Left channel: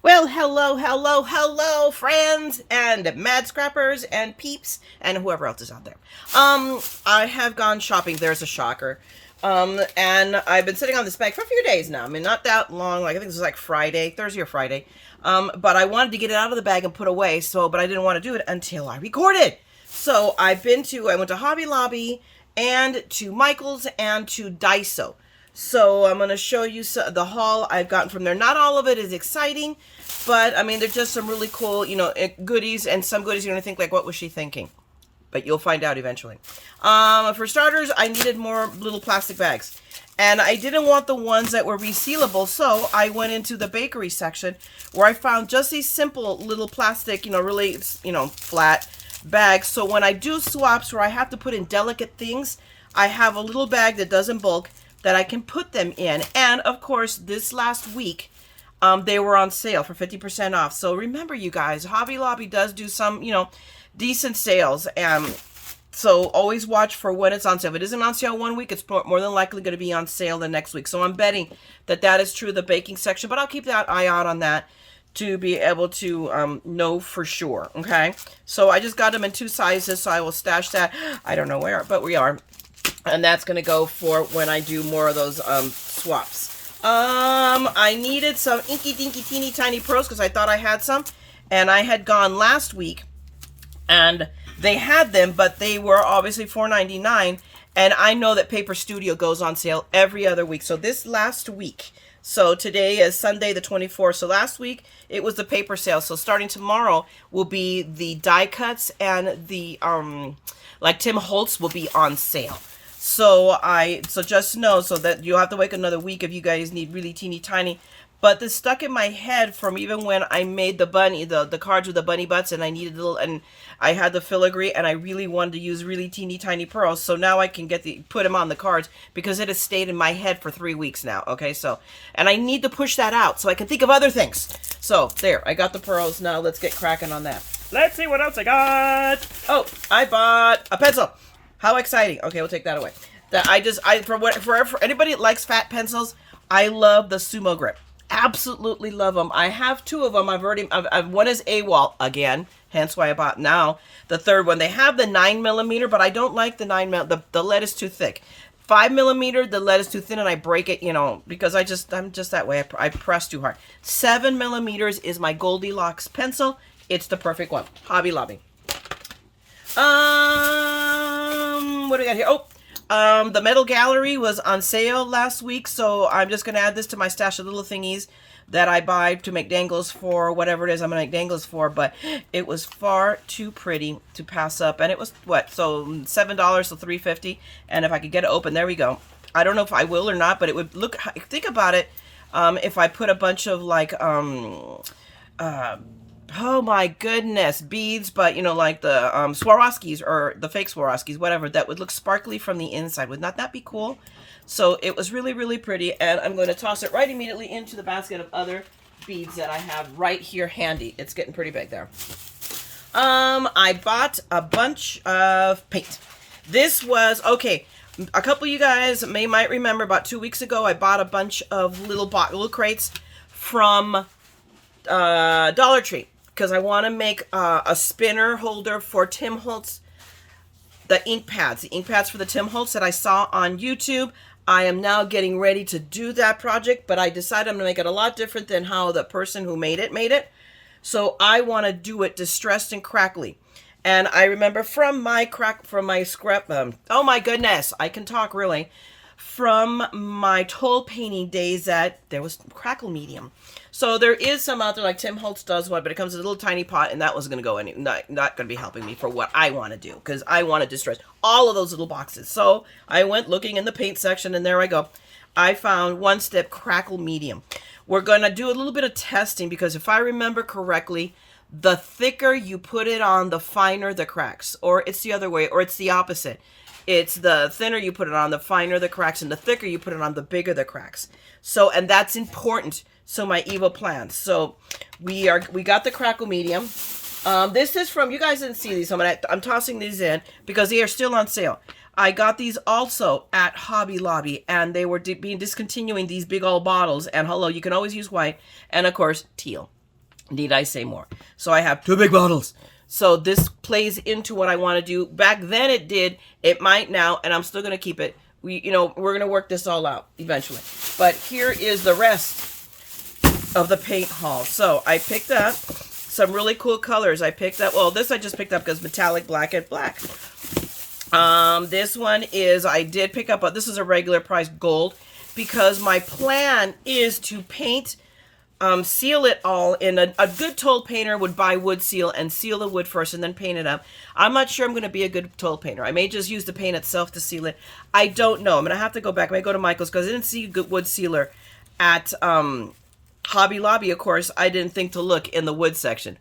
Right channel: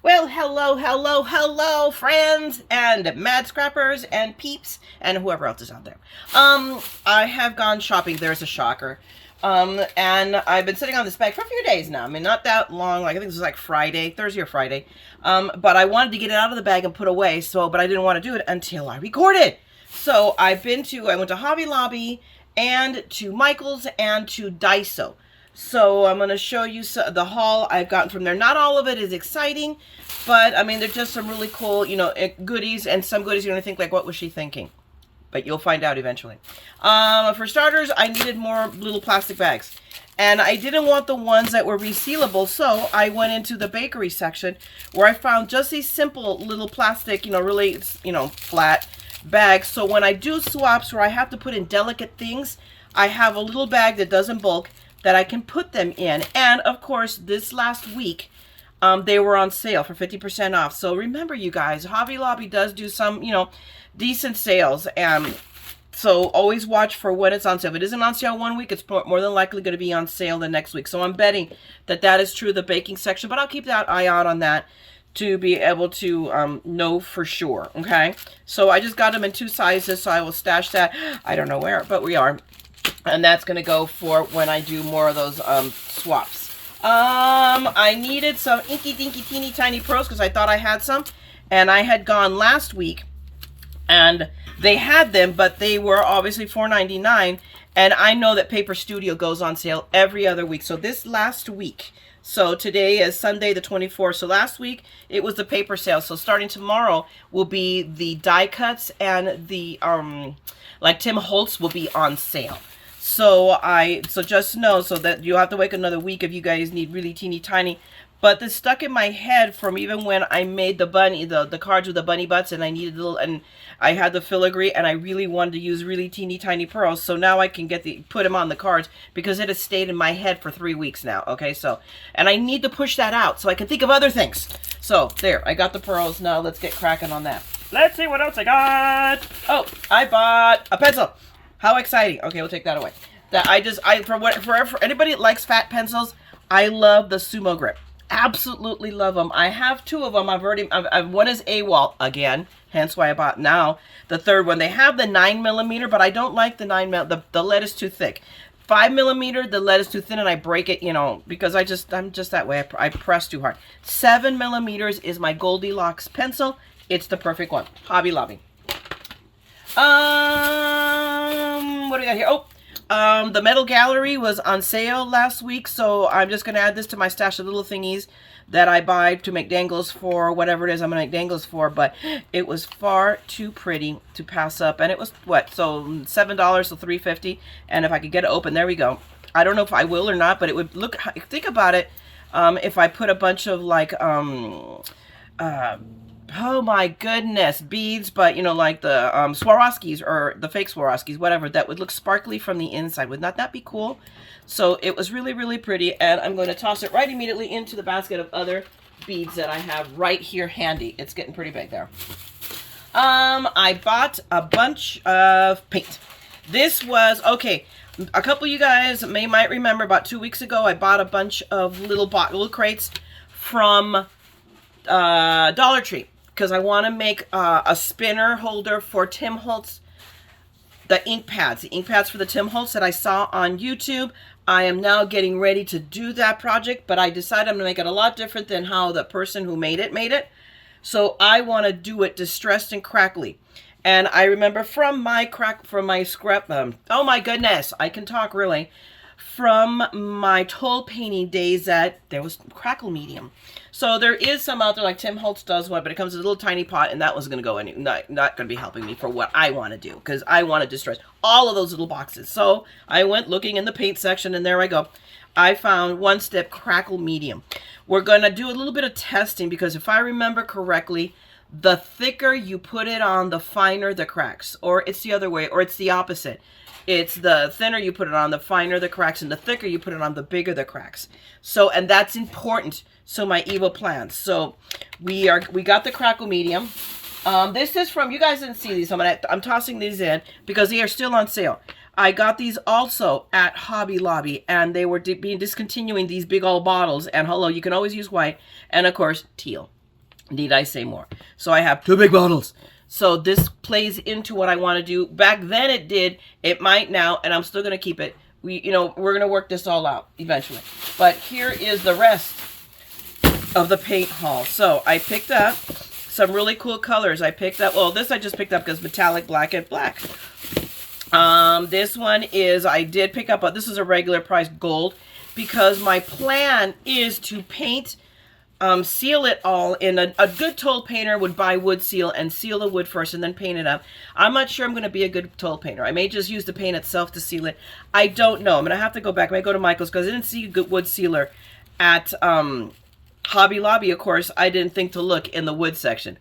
Well, hello, friends and mad scrappers and peeps and whoever else is out there. I have gone shopping. There's a shocker. And I've been sitting on this bag for a few days now. I mean, not that long. Like I think this was like Friday, Thursday or Friday. But I wanted to get it out of the bag and put away. But I didn't want to do it until I recorded. So I went to Hobby Lobby and to Michael's and to Daiso. So I'm going to show you the haul I've gotten from there. Not all of it is exciting, but I mean, they're just some really cool, goodies, and some goodies you're going to think like, what was she thinking? But you'll find out eventually. For starters, I needed more little plastic bags. And I didn't want the ones that were resealable, so I went into the bakery section where I found just these simple little plastic, really, flat bags. So when I do swaps where I have to put in delicate things, I have a little bag that doesn't bulk that I can put them in. And of course, this last week, they were on sale for 50% off. So remember, you guys, Hobby Lobby does do some, decent sales. And so always watch for when it's on sale. If it isn't on sale one week, it's more than likely going to be on sale the next week. So I'm betting that that is true of the baking section, but I'll keep that eye out on that to be able to know for sure. Okay. So I just got them in 2 sizes, so I will stash that. I don't know where, but we are. And that's going to go for when I do more of those swaps. I needed some inky dinky teeny tiny pearls because I thought I had some. And I had gone last week and they had them, but they were obviously $4.99. And I know that Paper Studio goes on sale every other week. So this last week, so today is Sunday the 24th. So last week it was the paper sale. So starting tomorrow will be the die cuts, and the like Tim Holtz will be on sale. So just know, so that you'll have to wait another week if you guys need really teeny tiny. But this stuck in my head from even when I made the bunny, the cards with the bunny butts, and I needed and I had the filigree, and I really wanted to use really teeny tiny pearls. So now I can put them on the cards because it has stayed in my head for 3 weeks now. Okay, so, and I need to push that out so I can think of other things. So there, I got the pearls. Now let's get cracking on that. Let's see what else I got. Oh, I bought a pencil. How exciting. Okay, we'll take that away. For anybody that likes fat pencils, I love the Sumo Grip. Absolutely love them. I have 2 of them. One is AWOL again, hence why I bought now the third one. They have the 9mm, but I don't like the 9mm. The lead is too thick. 5mm, the lead is too thin, and I break it, because I'm just that way. I press too hard. 7mm is my Goldilocks pencil. It's the perfect one. Hobby Lobby. What do we got here? The Metal Gallery was on sale last week, so I'm just going to add this to my stash of little thingies that I buy to make dangles for whatever it is I'm going to make dangles for, but it was far too pretty to pass up, and it was, so $7, so $3.50, and if I could get it open, there we go. I don't know if I will or not, but it would look, think about it, if I put a bunch of, like, oh my goodness, beads, but like the Swarovskis or the fake Swarovskis, whatever, that would look sparkly from the inside. Would not that be cool? So it was really, really pretty, and I'm going to toss it right immediately into the basket of other beads that I have right here handy. It's getting pretty big there. I bought a bunch of paint. This was, okay, a couple of you guys might remember about 2 weeks ago, I bought a bunch of little crates from Dollar Tree, because I want to make a spinner holder for Tim Holtz, the ink pads for the Tim Holtz that I saw on YouTube. I am now getting ready to do that project, but I decided I'm going to make it a lot different than how the person who made it. So I want to do it distressed and crackly. And I remember from my scrap, oh my goodness, I can talk really. From my toll painting days that there was Crackle Medium. So there is some out there like Tim Holtz does one, but it comes in a little tiny pot, and that was going to go in, not going to be helping me for what I want to do, because I want to distress all of those little boxes. So I went looking in the paint section, and there I go. I found One Step Crackle Medium. We're going to do a little bit of testing, because if I remember correctly, the thicker you put it on, the finer the cracks, or it's the other way, or it's the opposite. It's the thinner you put it on, the finer the cracks, and the thicker you put it on, the bigger the cracks. So, and that's important. So my evil plans. So we got the Crackle Medium. This is from, you guys didn't see these. I'm tossing these in because they are still on sale. I got these also at Hobby Lobby, and they were discontinuing these big old bottles. And hello, you can always use white, and of course teal. Need I say more? So I have 2 big bottles. So this plays into what I want to do. Back then it did. It might now, and I'm still going to keep it. We're going to work this all out eventually. But here is the rest of the paint haul. So I picked up some really cool colors. I picked up, well, this I just picked up because metallic black and black. This one is, I did pick up, this is a regular price gold because my plan is to paint, seal it all in a good toll painter would buy wood seal and seal the wood first and then paint it up. I'm not sure I'm going to be a good toll painter. I may just use the paint itself to seal it. I don't know. I'm going to have to go back. I may go to Michael's because I didn't see a good wood sealer at Hobby Lobby. Of course, I didn't think to look in the wood section.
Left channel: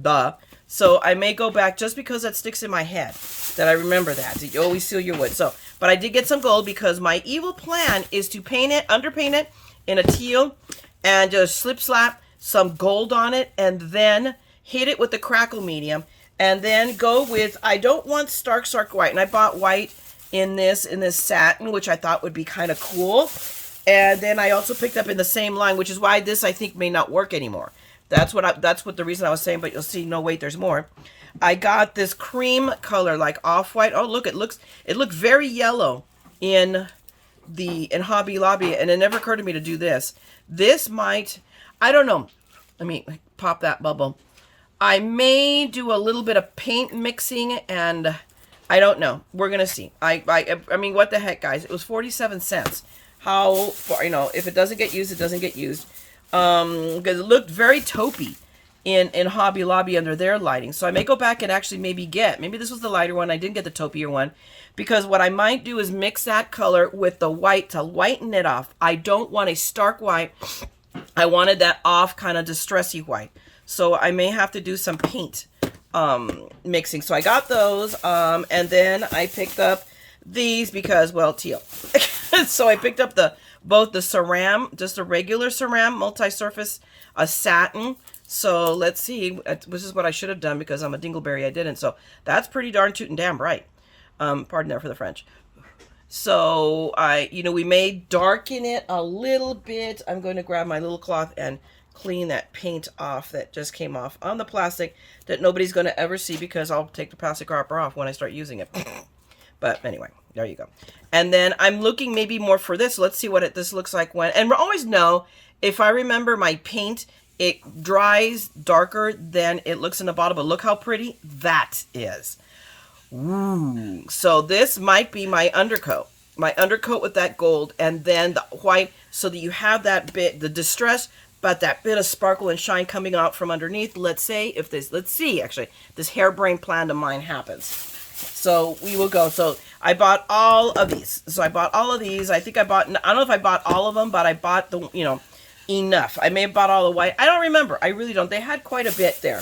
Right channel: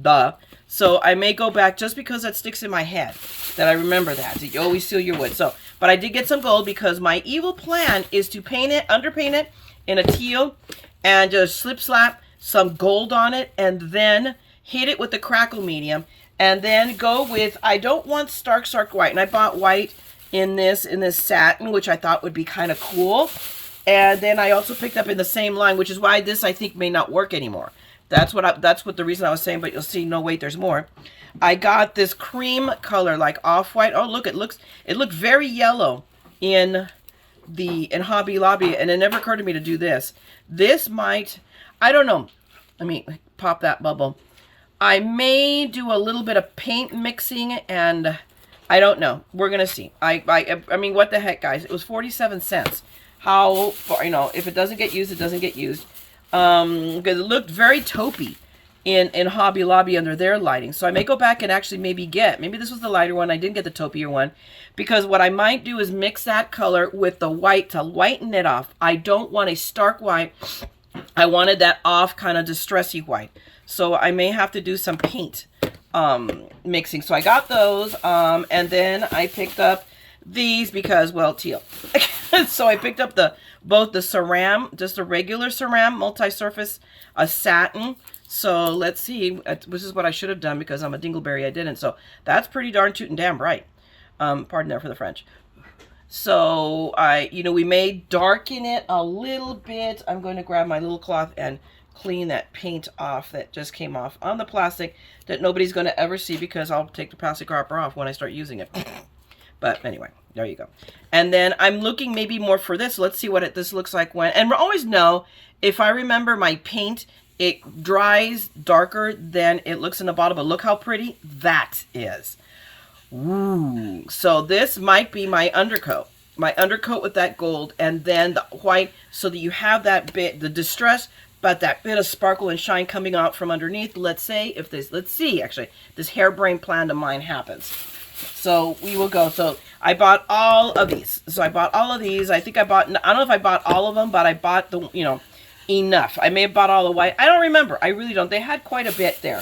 Duh. So I may go back just because that sticks in my head that I remember that. You always seal your wood. So, but I did get some gold because my evil plan is to paint it, underpaint it in a teal and just slap some gold on it and then hit it with the Crackle Medium and then go with, I don't want stark white. And I bought white in this satin, which I thought would be kind of cool. And then I also picked up in the same line, which is why this I think may not work anymore. That's what the reason I was saying, but you'll see, no, wait, there's more. I got this cream color, like off-white. Oh, look, it looked very yellow in Hobby Lobby, and it never occurred to me to do this. This might, I don't know. Let me pop that bubble. I may do a little bit of paint mixing, and I don't know. We're going to see. I mean, what the heck, guys? It was 47 cents. How far, if it doesn't get used, it doesn't get used. Because it looked very taupey in Hobby Lobby under their lighting. So I may go back and actually maybe this was the lighter one. I didn't get the taupier one. Because what I might do is mix that color with the white to lighten it off. I don't want a stark white. I wanted that off kind of distressy white. So I may have to do some paint mixing. So I got those. And then I picked up these because, well, teal. So I picked up both the Ceram, just a regular Ceram, multi-surface, a satin. So let's see. This is what I should have done because I'm a dingleberry. I didn't. So that's pretty darn tootin' damn bright. Pardon there for the French. So we may darken it a little bit. I'm going to grab my little cloth and clean that paint off that just came off on the plastic that nobody's going to ever see because I'll take the plastic wrapper off when I start using it. But anyway, there you go. And then I'm looking maybe more for this. Let's see what this looks like when, and we always know if I remember my paint, it dries darker than it looks in the bottle, but look how pretty that is. Ooh. So this might be my undercoat with that gold and then the white so that you have that bit, the distress, but that bit of sparkle and shine coming out from underneath. Let's see actually, this harebrained plan of mine happens. So we will go. So I bought all of these. I think I don't know if I bought all of them, but I bought enough. I may have bought all the white. I don't remember. I really don't. They had quite a bit there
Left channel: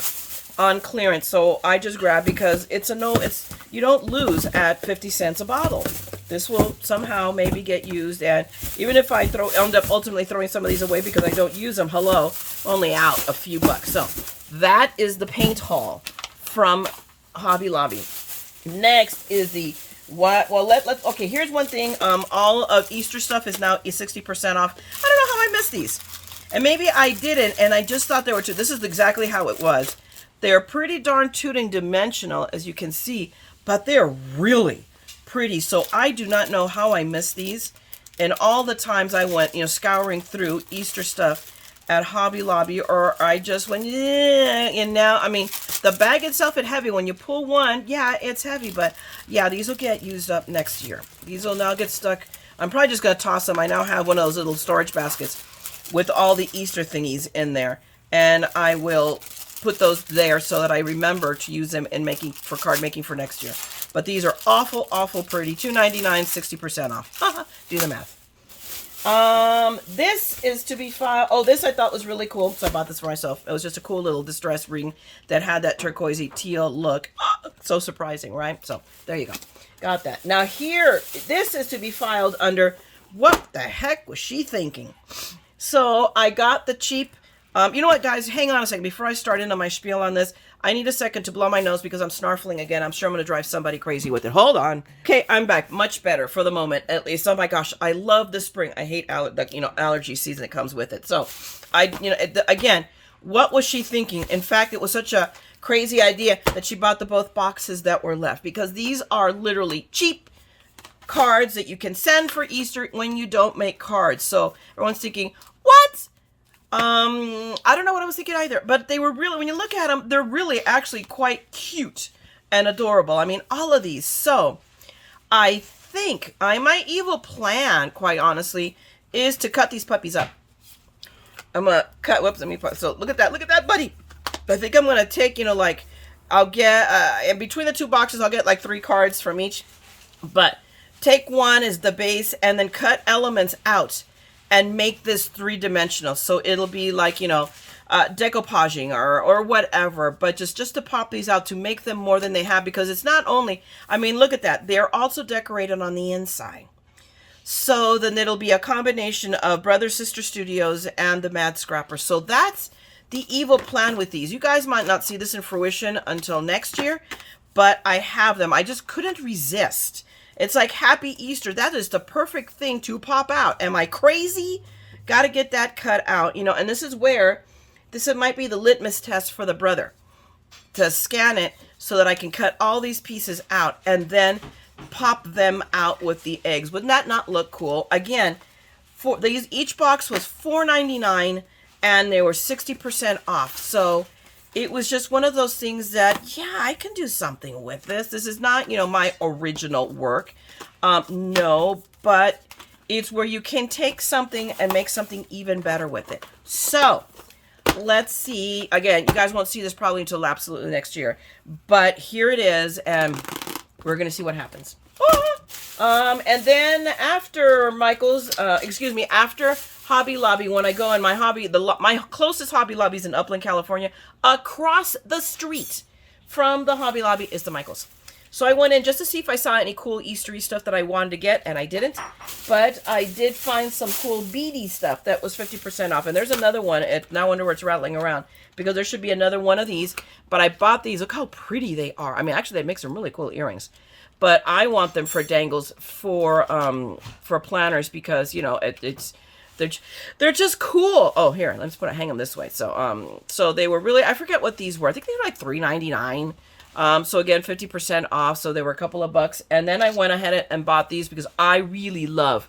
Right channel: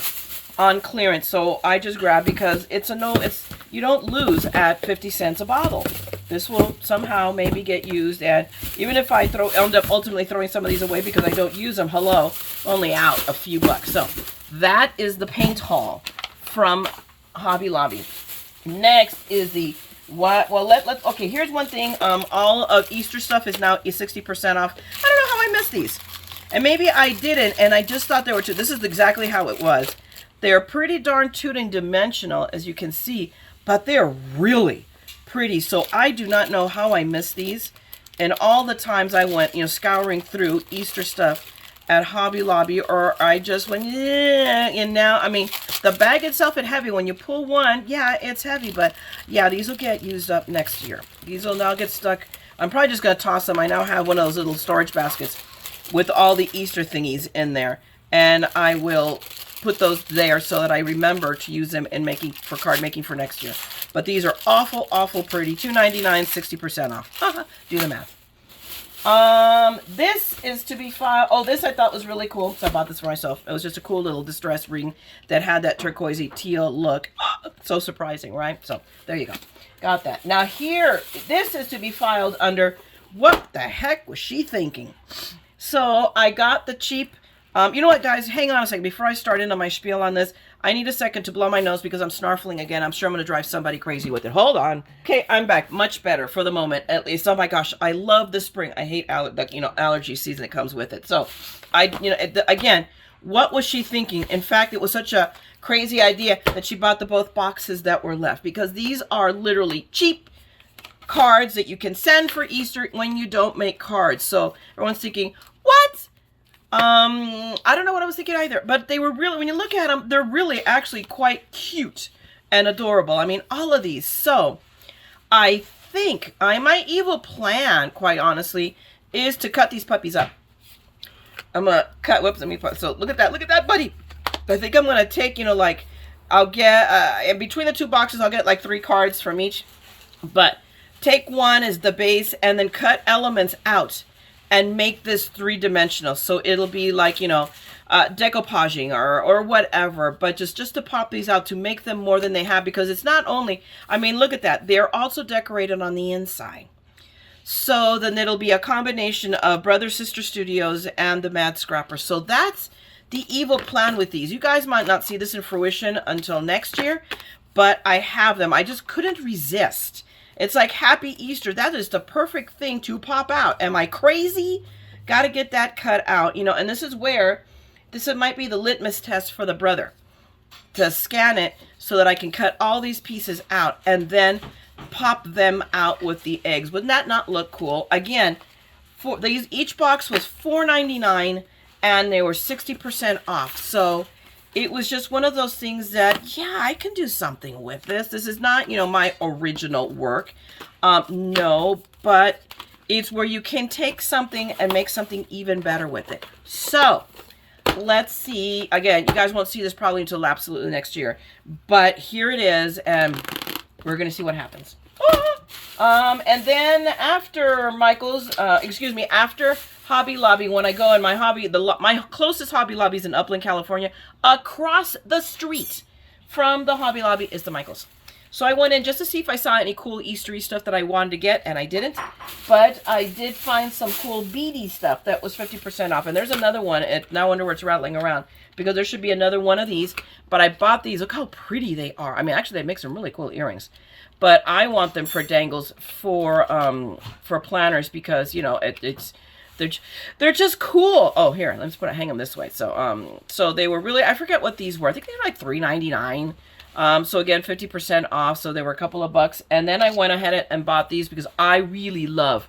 on clearance. So I just grabbed because you don't lose at 50 cents a bottle. This will somehow maybe get used. And even if I end up ultimately throwing some of these away because I don't use them, only out a few bucks. So that is the paint haul from Hobby Lobby. Next is okay, here's one thing. All of Easter stuff is now 60% off. I don't know how I missed these. And maybe I didn't, and I just thought they were this is exactly how it was. They're pretty darn tooting dimensional, as you can see, but they're really pretty. So I do not know how I missed these. And all the times I went, scouring through Easter stuff at Hobby Lobby, or I just went, yeah, and now, I mean, the bag itself is heavy. When you pull one, yeah, it's heavy, but yeah, these will get used up next year. These will now get stuck. I'm probably just going to toss them. I now have one of those little storage baskets with all the Easter thingies in there, and I will put those there so that I remember to use them in for card making for next year. But these are awful, awful pretty. $2.99, 60% off. Do the math. This is to be filed. Oh, this I thought was really cool. So I bought this for myself. It was just a cool little distress ring that had that turquoisey teal look. So surprising, right? So there you go. Got that. Now here, this is to be filed under what the heck was she thinking? So I got the cheap, you know what, guys? Hang on a second. Before I start into my spiel on this, I need a second to blow my nose because I'm snarfling again. I'm sure I'm going to drive somebody crazy with it. Hold on. Okay, I'm back. Much better for the moment, at least. Oh my gosh, I love the spring. I hate allergy season that comes with it. So, again, What was she thinking? In fact, it was such a crazy idea that she bought the both boxes that were left, because these are literally cheap cards that you can send for Easter when you don't make cards. So everyone's thinking, what? I don't know what I was thinking either, but they were really, when you look at them, they're really actually quite cute and adorable. I mean, all of these. So I think my evil plan, quite honestly, is to cut these puppies up. I'm gonna cut, whoops, let me put, so look at that, buddy. I think I'm gonna take, you know, like, I'll get, in between the two boxes, I'll get like 3 cards from each, but take one as the base and then cut elements out and make this 3-dimensional. So it'll be like, you know, decoupaging or whatever, but just to pop these out to make them more than they have, because it's not only, I mean, look at that. They're also decorated on the inside. So then it'll be a combination of Brother Sister Studios and TheMaddScrapper. So that's the evil plan with these. You guys might not see this in fruition until next year, but I have them. I just couldn't resist. It's like Happy Easter. That is the perfect thing to pop out. Am I crazy? Got to get that cut out. You know, and this is where, this might be the litmus test for the brother. To scan it so that I can cut all these pieces out and then pop them out with the eggs. Wouldn't that not look cool? Again, for these, each box was $4.99 and they were 60% off. So it was just one of those things that, yeah, I can do something with this. This is not, you know, my original work. No, but it's where you can take something and make something even better with it. So let's see. Again, you guys won't see this probably until absolutely next year, but here it is, and we're going to see what happens. And then after after Hobby Lobby, when I go in my my closest Hobby Lobby is in Upland, California. Across the street from the Hobby Lobby is the Michaels. So I went in just to see if I saw any cool Eastery stuff that I wanted to get, and I didn't. But I did find some cool beady stuff that was 50% off. And there's another one. Now I wonder where it's rattling around, because there should be another one of these. But I bought these. Look how pretty they are. I mean, actually, they make some really cool earrings. But I want them for dangles for planners, because, you know, they're just cool. Oh, here, let's hang them this way. So so they were really, I forget what these were. I think they were like $3.99. So again, 50% off. So they were a couple of bucks. And then I went ahead and bought these because I really love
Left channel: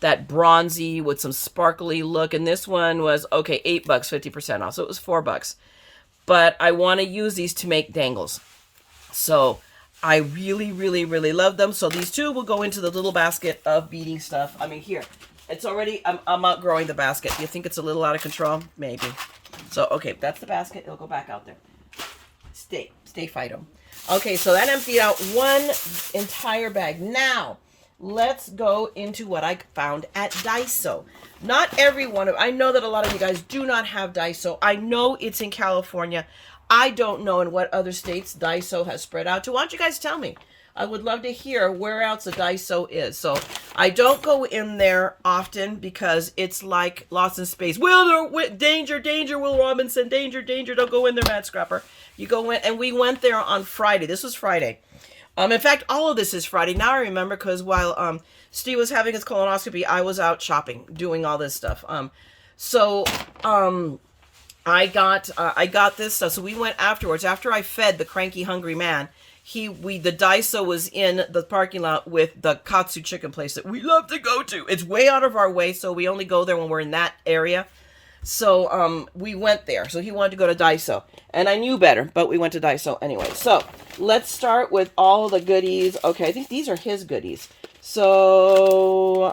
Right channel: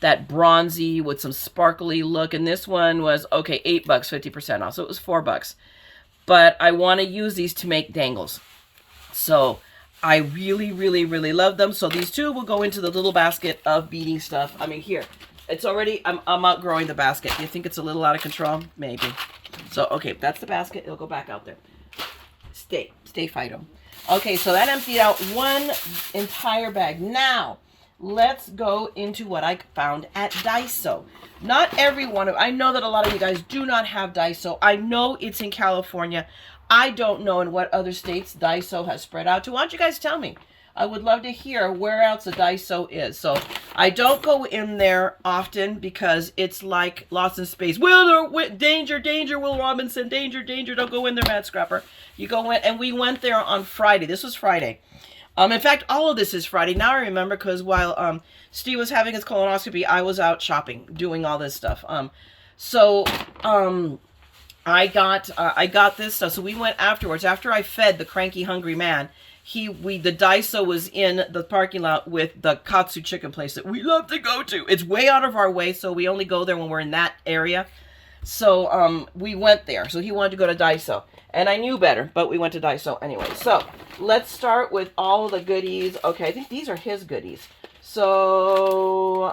that bronzy with some sparkly look. And this one was, okay, $8, 50% off. So it was $4. But I want to use these to make dangles. So I really, really, really love them. So these two will go into the little basket of beading stuff. I mean, here, it's already, I'm outgrowing the basket. You think it's a little out of control? Maybe. So, okay, that's the basket. It'll go back out there. Stay Fido. Okay, so that emptied out one entire bag. Now, let's go into what I found at Daiso. Not every one of, I know that a lot of you guys do not have Daiso. I know it's in California. I don't know in what other states Daiso has spread out to. Why don't you guys tell me? I would love to hear where else a Daiso is. So I don't go in there often because it's like Lost in Space. Danger, Will Robinson, danger, don't go in there, MaddScrapper. You go in, and we went there on Friday. This was Friday. In fact, all of this is Friday. Now I remember, because while Steve was having his colonoscopy, I was out shopping, doing all this stuff. I got this stuff. So we went afterwards. After I fed the cranky, hungry man, the Daiso was in the parking lot with the Katsu chicken place that we love to go to. It's way out of our way, so we only go there when we're in that area. So we went there. So he wanted to go to Daiso, and I knew better, but we went to Daiso anyway. So let's start with all the goodies. Okay, I think these are his goodies. So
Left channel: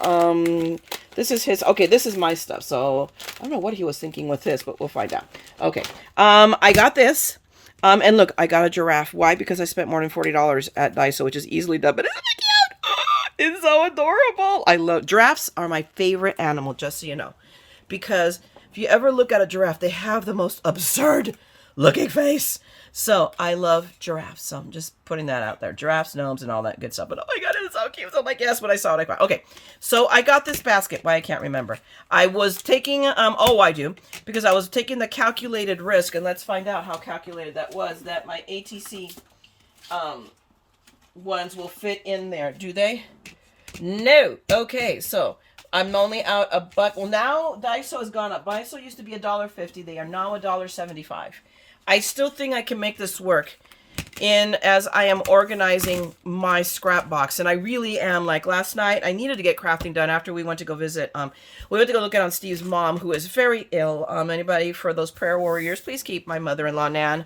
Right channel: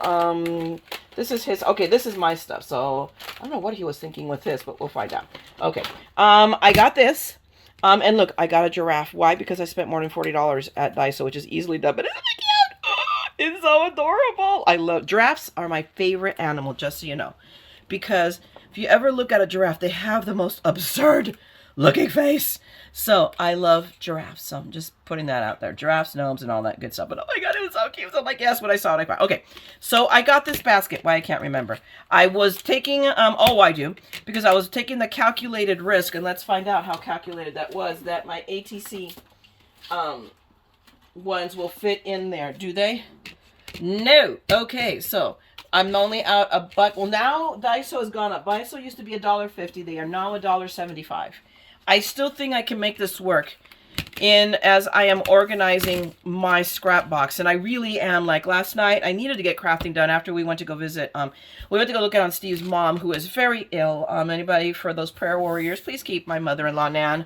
this is his. Okay, this is my stuff. So I don't know what he was thinking with this, but we'll find out. Okay, I got this. And look, I got a giraffe. Why? Because I spent more than $40 at Daiso, which is easily done. But isn't it cute? It's so adorable. I love giraffes. Are my favorite animal, just so you know. Because if you ever look at a giraffe, they have the most absurd looking face. So I love giraffes. So I'm just putting that out there. Giraffes, gnomes, and all that good stuff. But oh my God, it's so cute. So I'm like, yes, when I saw it, I cried. Okay, so I got this basket. Why, I can't remember. I was taking, I do. Because I was taking the calculated risk. And let's find out how calculated that was. That my ATC ones will fit in there. Do they? No. Okay, so I'm only out $1. Well, now Daiso has gone up. Daiso used to be $1.50. They are now $1.75. I still think I can make this work as I am organizing my scrap box. And I really am. Like last night, I needed to get crafting done after we went to go visit. We went to go look at on Steve's mom, who is very ill. Anybody for those prayer warriors, please keep my mother-in-law, Nan,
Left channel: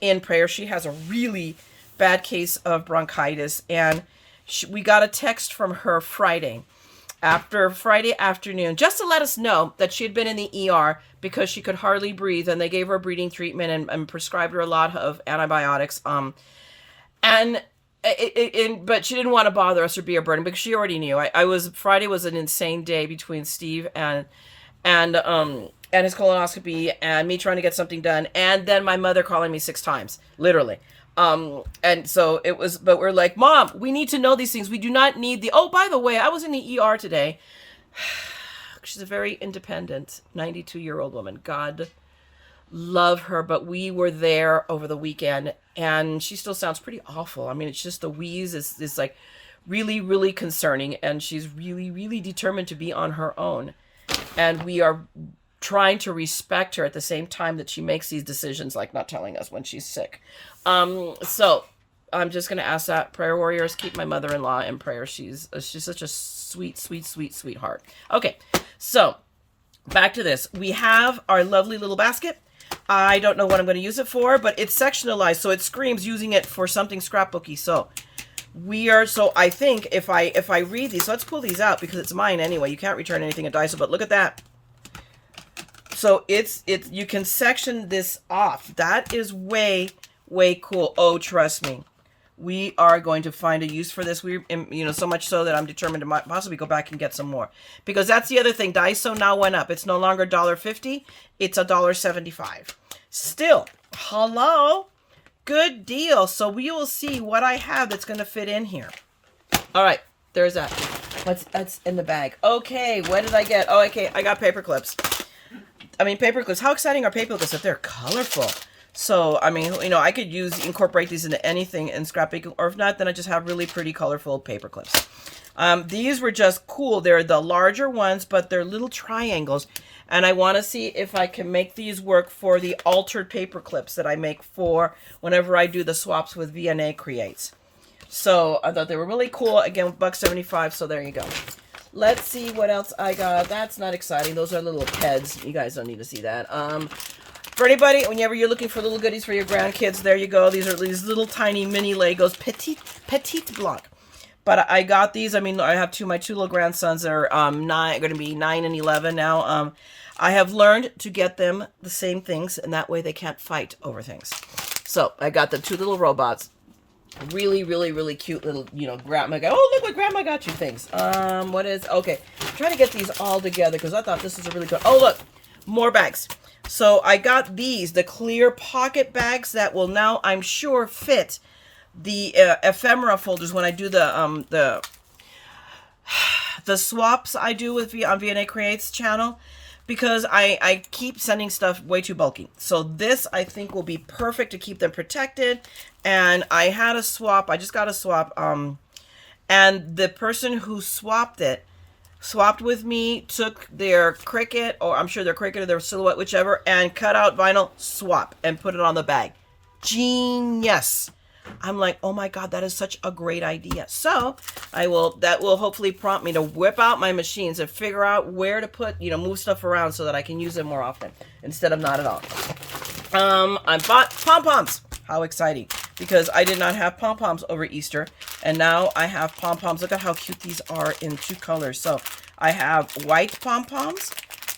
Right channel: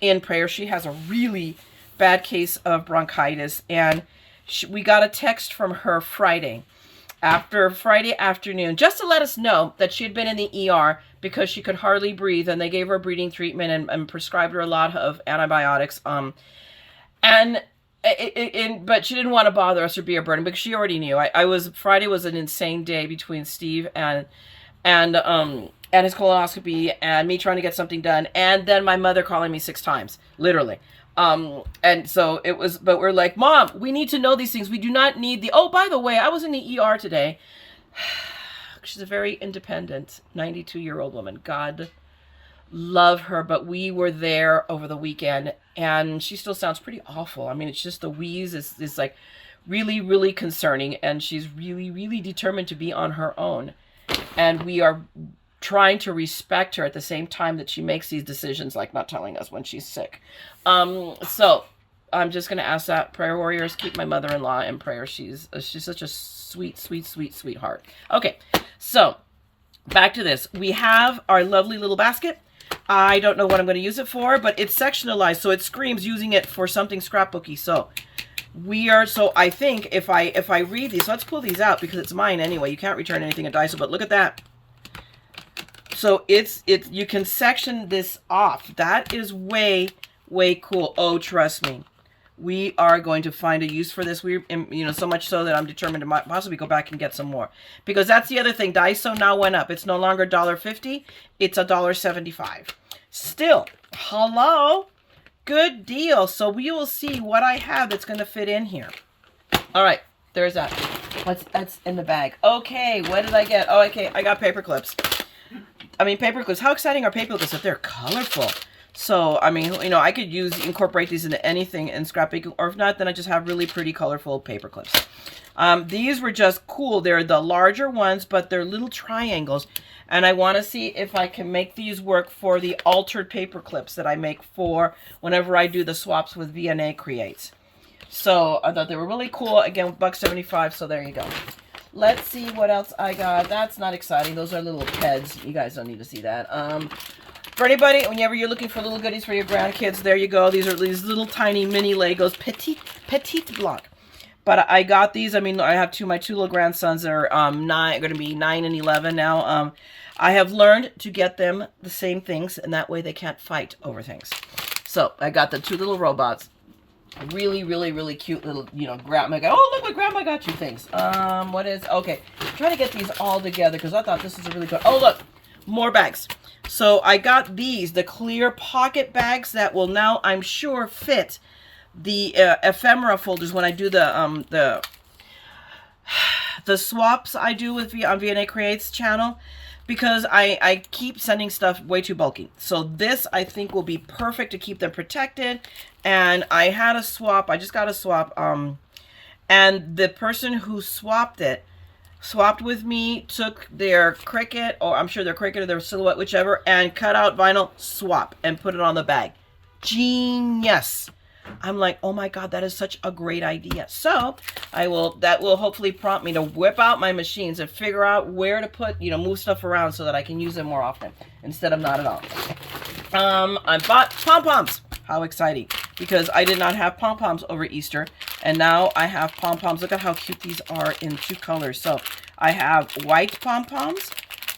in prayer. She has a really bad case of bronchitis. And we got a text from her Friday afternoon, just to let us know that she had been in the ER because she could hardly breathe, and they gave her a breathing treatment and prescribed her a lot of antibiotics. But she didn't want to bother us or be a burden because she already knew. Friday was an insane day between Steve and his colonoscopy and me trying to get something done, and then my mother calling me 6 times, literally. And so it was, but we're like, Mom, we need to know these things. We do not need oh, by the way, I was in the ER today. She's a very independent 92-year-old woman. God love her. But we were there over the weekend and she still sounds pretty awful. I mean, it's just the wheeze is like really, really concerning. And she's really, really determined to be on her own. And we are trying to respect her at the same time that she makes these decisions, like not telling us when she's sick. So I'm just going to ask that prayer warriors, keep my mother-in-law in prayer. She's such a sweet, sweet, sweet, sweetheart. Okay. So back to this. We have our lovely little basket. I don't know what I'm going to use it for, but it's sectionalized. So it screams using it for something scrapbooky. So I think if I read these, let's pull these out because it's mine anyway. You can't return anything at Daiso, but look at that. So you can section this off. That is way, way cool. Oh, trust me. We are going to find a use for this. So much so that I'm determined to possibly go back and get some more. Because that's the other thing. Daiso now went up. It's no longer $1.50. It's $1.75. Still, hello. Good deal. So we will see what I have that's going to fit in here. All right. There's that. That's in the bag. Okay. What did I get? Oh, okay. I got paper clips. Paper clips. How exciting are paper clips if they're colorful? So, I could incorporate these into anything in scrapbooking, or if not, then I just have really pretty colorful paper clips. These were just cool. They're the larger ones, but they're little triangles. And I want to see if I can make these work for the altered paper clips that I make for whenever I do the swaps with Verne Creates. So I thought they were really cool. Again, $1.75, so there you go. Let's see what else I got. That's not exciting. Those are little peds. You guys don't need to see that. For anybody, whenever you're looking for little goodies for your grandkids, there you go. These are these little tiny mini Legos, petite block. But I got these. I have my two little grandsons that are going to be 9 and 11 now. I have learned to get them the same things, and that way they can't fight over things. So I got the two little robots. Really, really, really cute little, grandma got. Oh, look what grandma got you things. Okay. I'm trying to get these all together because I thought this is a really good. Oh, look, more bags. So I got the clear pocket bags that will now, I'm sure, fit the ephemera folders when I do the swaps I do on Verne Creates channel, because I keep sending stuff way too bulky. So this, I think, will be perfect to keep them protected. And I had a swap. I just got a swap. And the person who swapped with me, took their Cricut, or I'm sure their Cricut or their Silhouette, whichever, and cut out vinyl, swap, and put it on the bag. Genius. I'm like, oh my God, that is such a great idea. So that will hopefully prompt me to whip out my machines and figure out where to put, move stuff around so that I can use them more often instead of not at all. I bought Pom-Poms. How exciting. Because I did not have Pom-Poms over Easter, and now I have Pom-Poms. Look at how cute these are in 2 colors. So I have white Pom-Poms,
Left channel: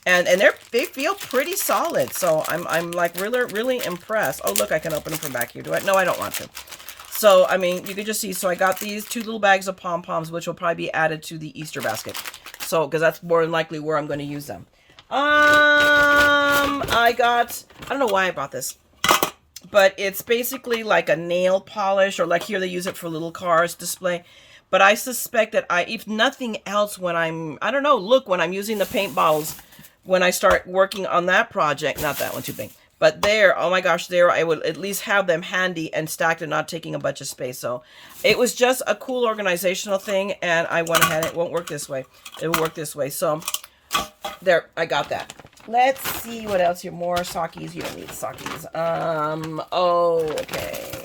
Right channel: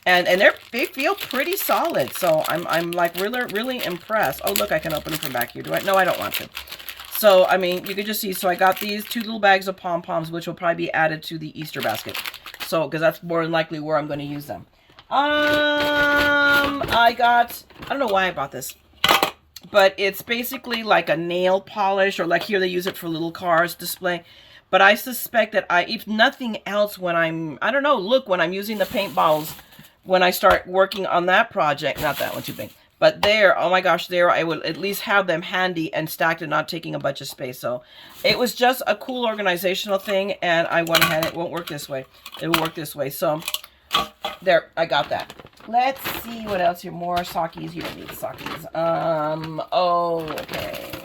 and they feel pretty solid. So I'm like really, really impressed. Oh, look, I can open them from back here. No, I don't want to. So, you can just see. So I got these 2 little bags of Pom-Poms, which will probably be added to the Easter basket. So, because that's more than likely where I'm going to use them. I don't know why I bought this, but it's basically like a nail polish, or like here they use it for little cars display. But I suspect that if nothing else, when I'm using the paint bottles, when I start working on that project, not that one too big, But there, oh my gosh, there I would at least have them handy and stacked and not taking a bunch of space. So it was just a cool organizational thing, and I went ahead. It won't work this way. It will work this way. So there, I got that. Let's see what else here. More Sakis. You don't need Sakis. Oh, okay.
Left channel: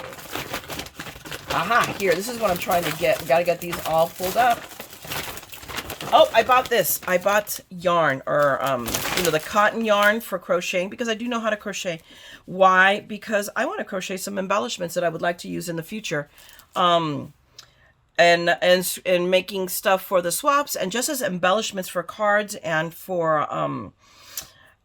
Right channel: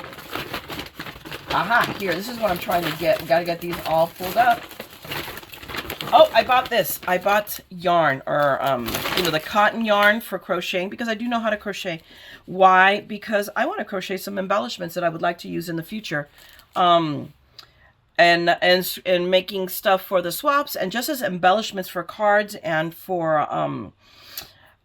Aha, here. This is what I'm trying to get. We got to get these all pulled up. Oh, I bought this. I bought yarn, or, you know, the cotton yarn for crocheting, because I do know how to crochet. Why? Because I want to crochet some embellishments that I would like to use in the future. And making stuff for the swaps, and just as embellishments for cards and for, oh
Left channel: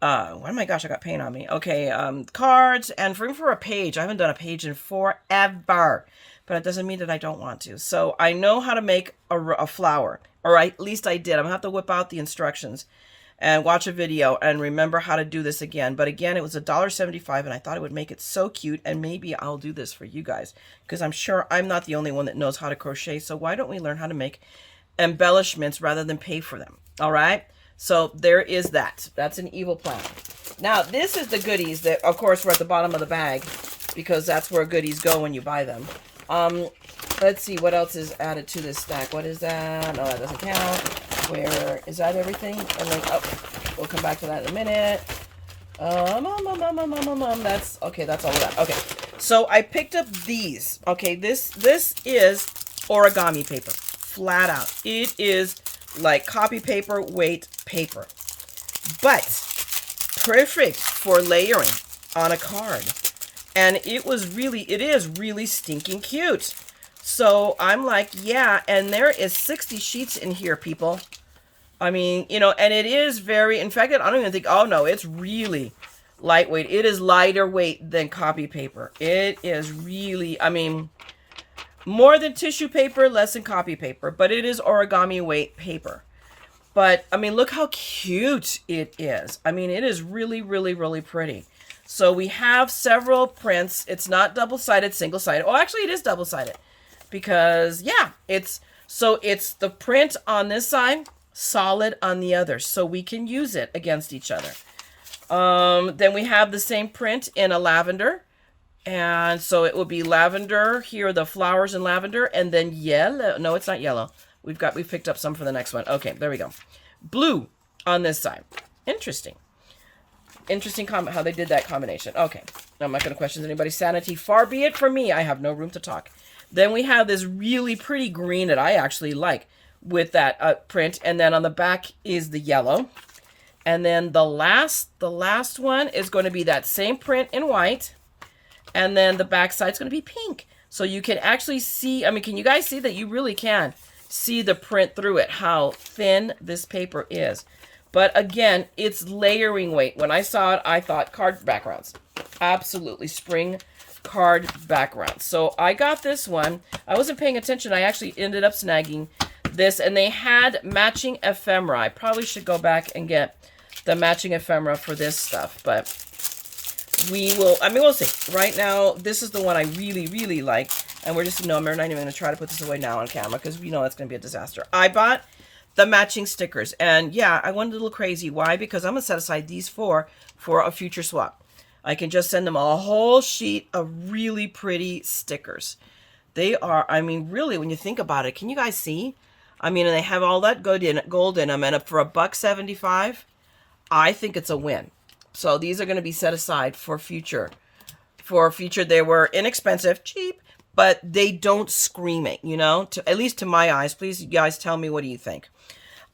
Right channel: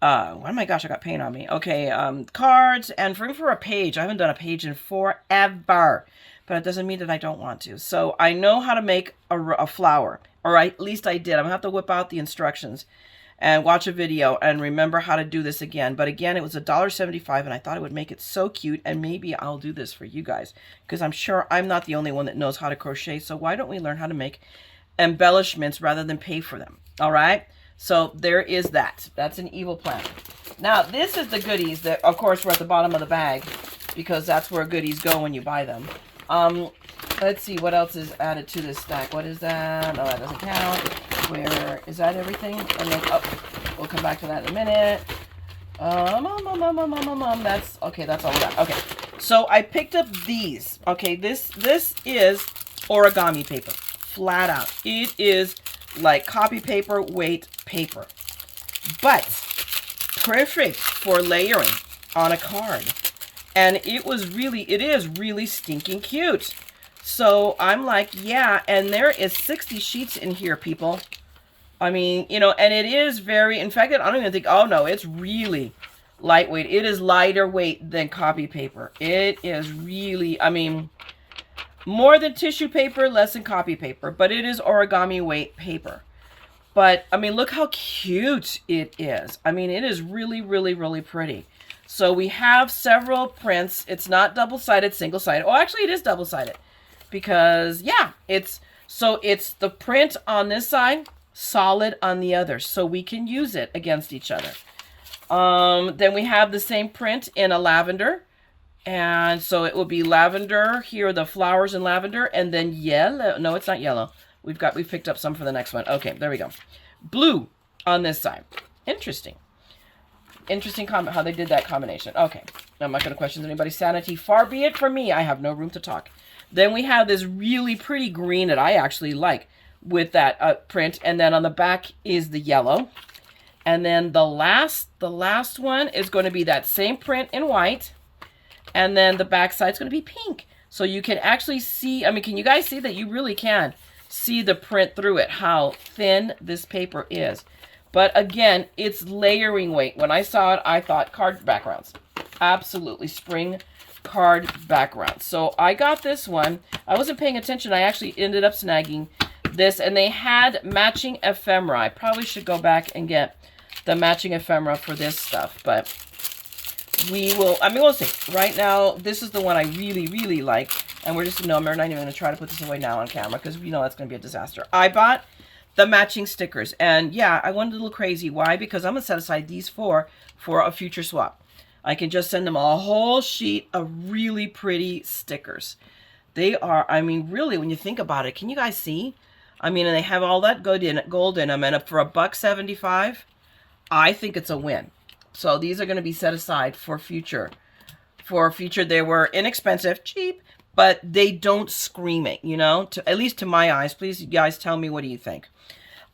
my gosh, I got paint on me. Okay, cards, and for a page. I haven't done a page in forever, but it doesn't mean that I don't want to. So I know how to make a flower. Or at least I did. I'm going to have to whip out the instructions and watch a video and remember how to do this again. But again, it was $1.75, and I thought it would make it so cute. And maybe I'll do this for you guys, because I'm sure I'm not the only one that knows how to crochet. So why don't we learn how to make embellishments rather than pay for them? All right. So there is that. That's an evil plan. Now, this is the goodies that, of course, were at the bottom of the bag, because that's where goodies go when you buy them. Let's see what else is added to this stack. What is that? No, that doesn't count. Where is that? Everything? And then, oh, we'll come back to that in a minute. That's okay. That's all we got. Okay, so I picked up these. Okay, this is origami paper, flat out. It is like copy paper, weight paper, but perfect for layering on a card. And it is really stinking cute. So I'm like, yeah, and there is 60 sheets in here, people. I mean, you know, and it is very, in fact, I don't even think, oh no, it's really lightweight. It is lighter weight than copy paper. It is really, I mean, more than tissue paper, less than copy paper, but it is origami weight paper. But, I mean, look how cute it is. I mean, it is really pretty. So we have several prints. It's not double-sided, single-sided. Oh, actually, it is double-sided. Because, yeah, it's the print on this side, solid on the other. So we can use it against each other. Then we have the same print in a lavender. And so it will be lavender. Here are the flowers in lavender. And then yellow. No, it's not yellow. We picked up some for the next one. Okay, there we go. Blue on this side. Interesting comment how they did that combination. Okay, I'm not going to question anybody's sanity. Far be it from me. I have no room to talk. Then we have this really pretty green that I actually like with that print. And then on the back is the yellow. And then the last one is going to be that same print in white. And then the back side is going to be pink. So you can actually see, I mean, can you guys see that? You really can see the print through it, how thin this paper is. But again, it's layering weight. When I saw it, I thought card backgrounds. Absolutely, spring card backgrounds. So I got this one. I wasn't paying attention. I actually ended up snagging this. And they had matching ephemera. I probably should go back and get the matching ephemera for this stuff. But we will, I mean, we'll see. Right now, this is the one I really like. And we're just, no, I'm not even going to try to put this away now on camera, because you know that's going to be a disaster. I bought the matching stickers. And yeah, I went a little crazy. Why? Because I'm going to set aside these four for a future swap. I can just send them a whole sheet of really pretty stickers. They are, I mean, really, when you think about it, can you guys see? I mean, and they have all that gold in them. And for $1.75, I think it's a win. So these are going to be set aside for future. They were inexpensive, cheap, but they don't scream it, you know, at least to my eyes. Please, you guys, tell me, what do you think?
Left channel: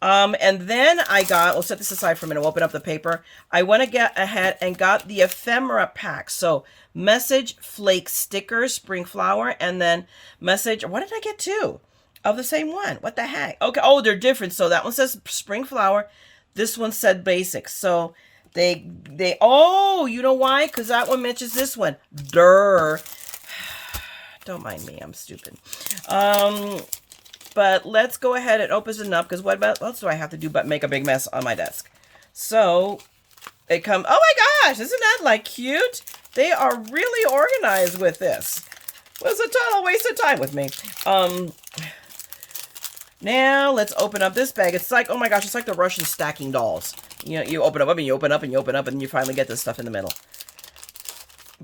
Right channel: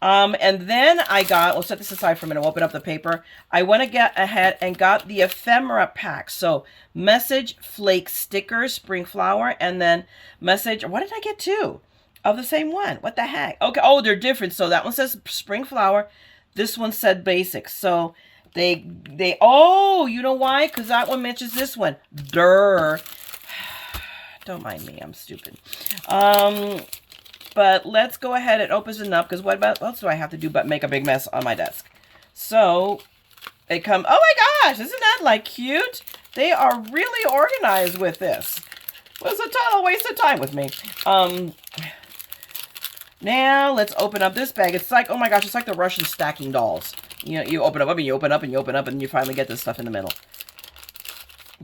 And then we'll set this aside for a minute. We'll open up the paper. I went ahead and got the ephemera pack. So message flake stickers, spring flower, and then message, what did I get two of the same one? What the heck? Okay. Oh, they're different. So that one says spring flower. This one said basic. So oh, you know why? Because that one mentions this one. Durr. Don't mind me. I'm stupid. But let's go ahead and open it up, because what else do I have to do but make a big mess on my desk? So they come, oh my gosh, isn't that like cute? They are really organized with this. It was a total waste of time with me. Now let's open up this bag. It's like, oh my gosh, it's like the Russian stacking dolls. You open up and you open up and you open up and you finally get this stuff in the middle.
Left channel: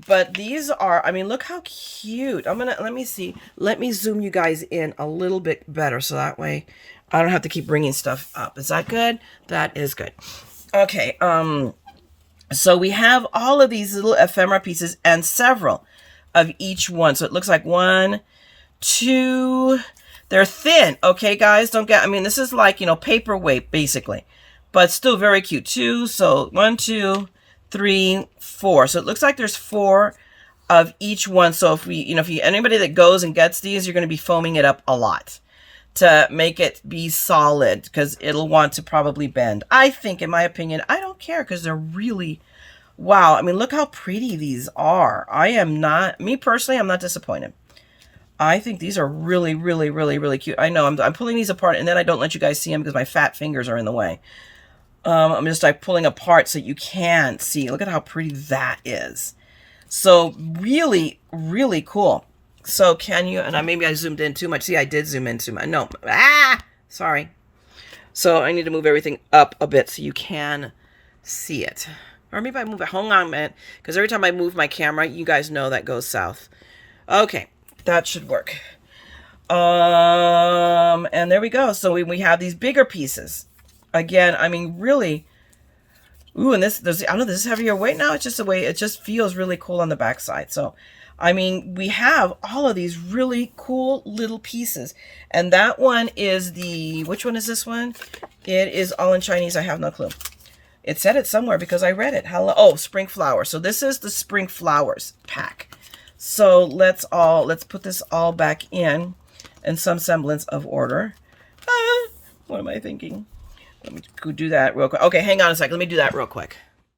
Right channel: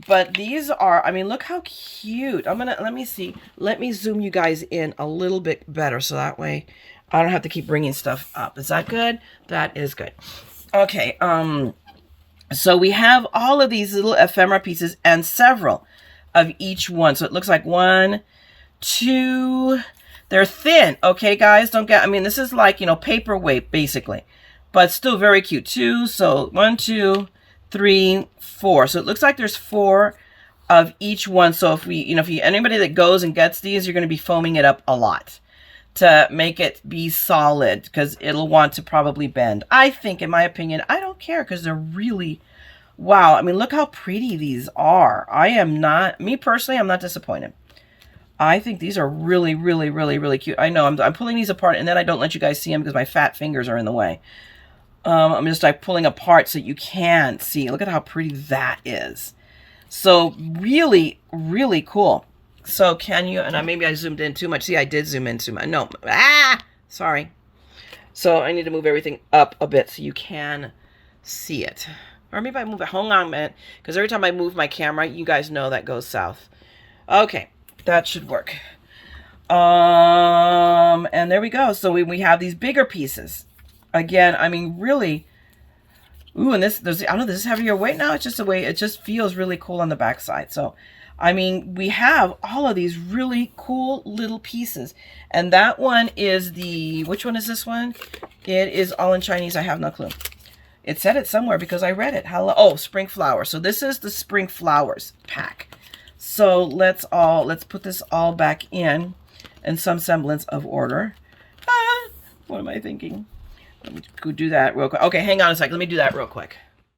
But these are, I mean, look how cute. Let me see. Let me zoom you guys in a little bit better so that way I don't have to keep bringing stuff up. Is that good? That is good. Okay, so we have all of these little ephemera pieces and several of each one. So it looks like 1, 2, they're thin. Okay, guys, don't get, I mean, this is like, you know, paperweight basically, but still very cute. 2, so 1, 2, 3, 4. So it looks like there's 4 of each one. So if we, you know, anybody that goes and gets these, you're going to be foaming it up a lot to make it be solid because it'll want to probably bend. I think, in my opinion, I don't care because they're really, wow. I mean, look how pretty these are. I am not, me personally, I'm not disappointed. I think these are really, really, really, really cute. I know I'm pulling these apart and then I don't let you guys see them because my fat fingers are in the way. I'm just like pulling apart so you can see. Look at how pretty that is. So really, really cool. So can you, and maybe I zoomed in too much. See, I did zoom in too much. No, sorry. So I need to move everything up a bit so you can see it. Or maybe I move it, hold on a minute, because every time I move my camera, you guys know that goes south. Okay, that should work. And there we go. So we have these bigger pieces. Again, I mean, really, ooh, and this, I don't know, this is heavier weight now. It's just the way, it just feels really cool on the backside. So I mean, we have all of these really cool little pieces. And that one is the, which one is this one? It is all in Chinese. I have no clue. It said it somewhere because I read it. Hello. Oh, spring flowers. So this is the spring flowers pack. So let's put this all back in some semblance of order. What am I thinking? Let me go do that real quick. Okay, hang on a sec. Let me do that real quick.